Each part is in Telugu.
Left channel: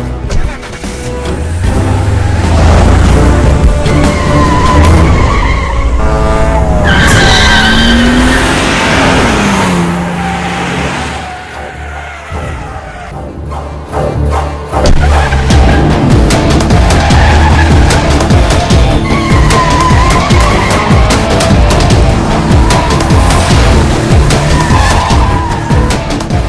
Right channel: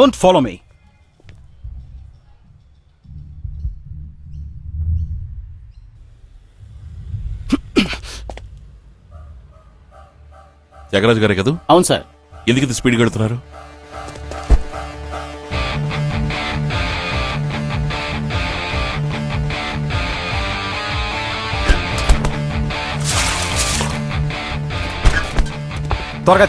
Don't follow me. జగరాజ్ గారే కదా? అవును సార్. ఎందుకు ఇంత స్పీడ్ కడుతున్నారు? త్వరగా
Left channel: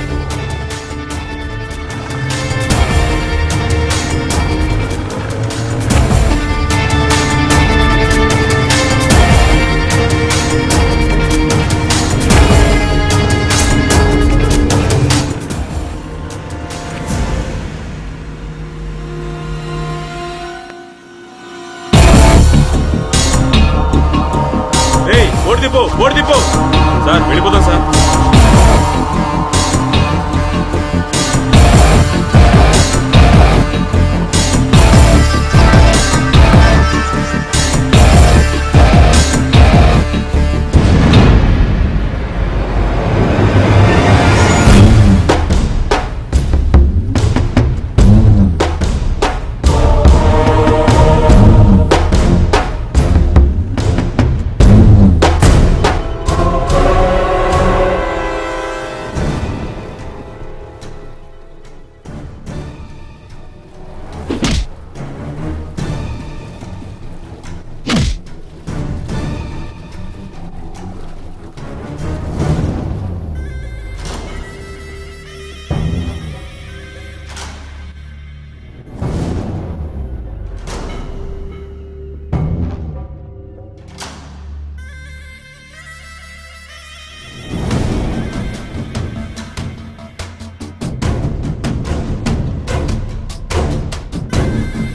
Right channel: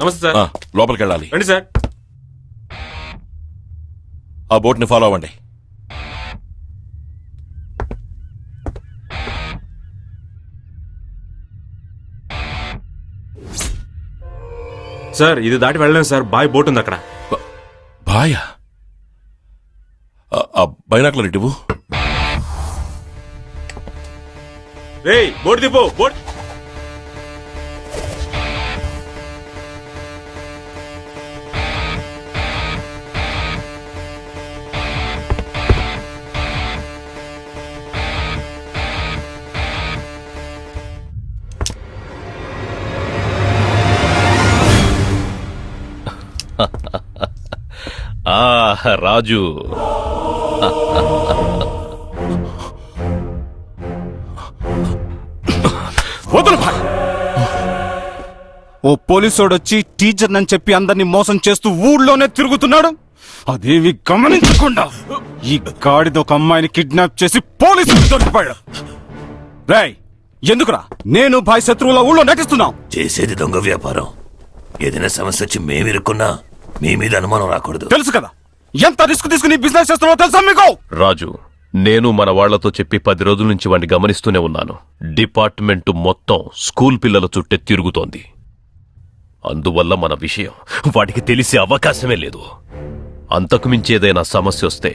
నమస్తే సార్. లోపలికి వెళ్ళాలి. రండి సార్. ఆ బోట్ని ఫాలో అవ్వండి. సార్ ఇది దాటి వెళ్ళలేము సార్. బాయ్ బోట్ ఉంది అక్కడ. బాయా? ఆ బైనాకులర్ ఇటు. ఏయ్ బోట్ దిప్పు, బోట్ దిప్పు. సార్ వెళ్ళిపోతాం సార్. రాజు, ఓ పోలీసోడు వచ్చి టీచర్ అని చెప్పి అందరినీ మోసం చేస్తూ ఊళ్ళోనే తిరుగుతున్నాడు. అదేవి గమనించకుండా ఈ గాడిద ఒక అమ్మాయిని కిడ్నాప్ చేసి పోలీసులు దొరికిపోయాడు. రేయ్, ఎందుకురా నేను భాయ్ శత్రువుల ఊళ్ళో నటిస్తున్నావు? చేసేది దొంగ వ్యాపారం. ఏదైనా సమస్య వచ్చి మేము ఇరుక్కున్నా మీ మీద అనుమానం రాకూడదు. తెలుసు కదా ఎంత రిస్క్ తీసుకుని బిజినెస్ చేస్తున్నావో తెలుసా మీకు? రాజు, నేను మన వాళ్లతో చెప్పి 10 రోజుల నుంచి వాడిని గమనిస్తూనే ఉన్నాను. డిపార్ట్మెంట్ మొత్తం స్కూల్ పిల్లల చుట్టే తిరుగుతోంది. అందువల్ల మన విషయం వాడికి తెలిసే అవకాశమే లేదు. అంతకు మించి ఏదైనా సమస్య వస్తే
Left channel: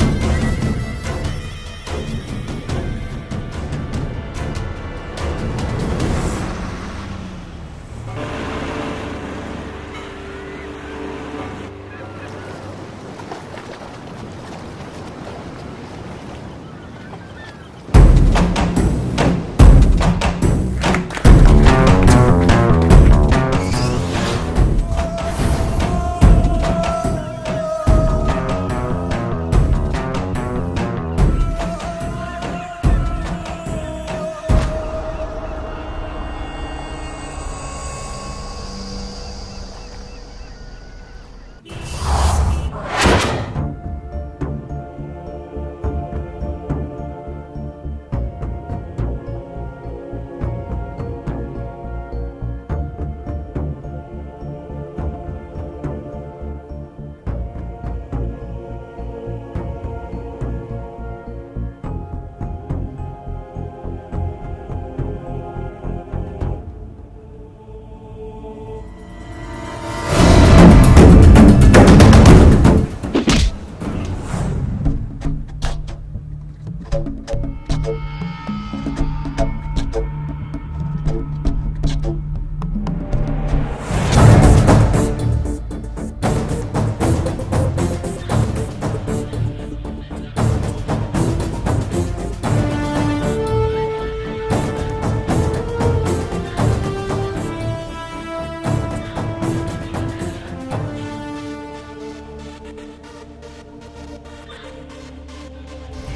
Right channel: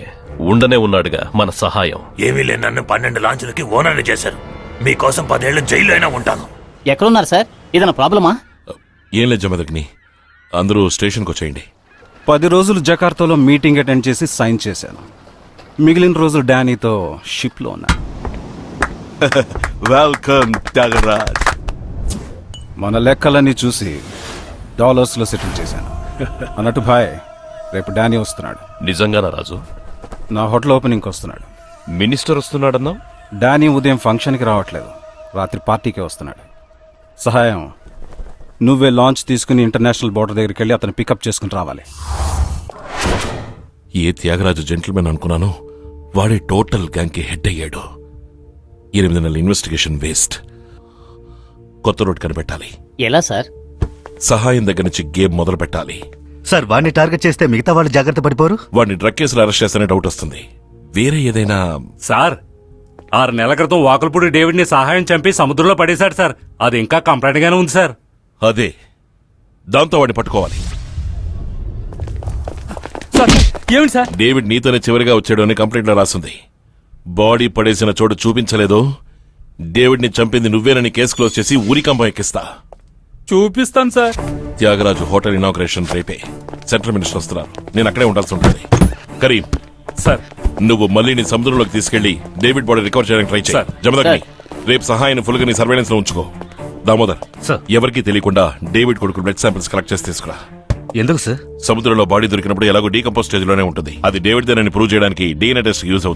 ఉండనే ఉన్నాడుగా మన సహాయం. ఏమీ లేని నన్ను 12 లాంచులకి ఓనర్ని చేశారు. మీకోసం 10 ఏళ్ళు జైల్లో అయినా ఉంటాను. ఎక్కడున్నారు సార్? ఏదైనా ప్రాబ్లమా? ఏం లేదు జమదగ్ని, అందరూ స్టేషన్కి వచ్చేయండి. 10 రోజులు జకార్తాలో మీటింగ్ అటెండ్ చేసి సైన్ చేశాను. మిగిలిన రోజులు డానీతో షిప్లో ఉన్నా. వెల్కమ్ జగరాజ్. మన లెక్కలన్నీ చూసి డాలర్స్లో సెటిల్ చేశాను. అన్నట్టు భాయ్, రేపు డానీ వస్తున్నాడు. నిజంగానా రాజు? నా హోటల్ ఓపెనింగ్కి వస్తున్నాడు. మినిస్టర్ వస్తున్నాడన్నా? డానీ ఉదయం ఫంక్షన్కి రావట్లేదు, రాత్రి పార్టీకి వస్తున్నాడు. సహాయం నువ్వే లాంచ్ తీసుకుని ఇంటర్నేషనల్ బోర్డర్ దగ్గరికి వెళ్ళి అతను పికప్ చేసుకుని రావాలి. ఏ త్యాగరాజు జెంటిల్మెన్ అనుకున్నాను, వాడే టోటల్ గ్యాంగ్కి హెడ్ అయ్యాడు. 8 నెలల ఇన్వెస్టిగేషన్ వేస్ట్. కొత్త రూట్ కనిపెట్టాలి. ఎలా సార్? సహాయం దగ్గర నుంచి గేమ్ మొదలు పెట్టాలి. సార్, వాడిని టార్గెట్ చేస్తే మిగతా వాళ్ళు జాగ్రత్త పడిపోరు. వాడిని డ్రగ్ కేసులు అరెస్ట్ చేస్తేనే డౌట్ వస్తుంది. వేరే ఏదైనా? సార్, 6 నెలల క్రితం వాకులపూడి డేవిడ్ ని సహాయం చంపి సముద్రంలో పడేశాడు సార్. అది ఇంకా కంప్లైంట్ గానే ఉంది సార్. అదే, దాంతో వాడిని పట్టుకో. ఏమిటి సార్? డేవిడ్ నీతోనే చివరిగా వచ్చాడు అని కంప్లైంట్ లో రాసింది. బాడీ పడేసిన చోటు చూపించలేదు. డేవిడ్ ని చంపింది నువ్వేనని కేసు క్లోజ్ చేసి ఊరికంబం ఎక్కిస్తా. చూపిస్తాను సార్. త్యాగరాజు హోటల్ ఇనాగ్రేషన్ రేపే. సెంట్రల్ మినిస్టర్ వస్తున్నా, నేను అక్కడే ఉండాల్సి ఉంటుంది. కరీం సార్, నువ్వు మళ్ళీ నీ సముద్రంలోకి తీసుకెళ్లి డేవిడ్ బాడీ రికవర్ చేయడానికి ట్రై చేయి. జమదగ్ని, రేపు సహాయాన్ని ఫుల్ గా నీ సర్వేలెన్స్ లో ఉంచుకో. దామోదర్, ఎవరికి తెలియకుండా డేవిడ్ కొడుకు బ్లడ్ శాంపిల్స్ కలెక్ట్ చేసి తీసుకురా. ఎందుకు సార్? సముద్రంలో బాడీ దొరికినప్పుడు ఎలాగో డీకంపోజ్ స్టేజ్ లోనే ఉంటుంది. అది డేవిడ్ దేనని ప్రూవ్ చేయడానికి DNA టెస్ట్ యూజ్ అవుతుంది.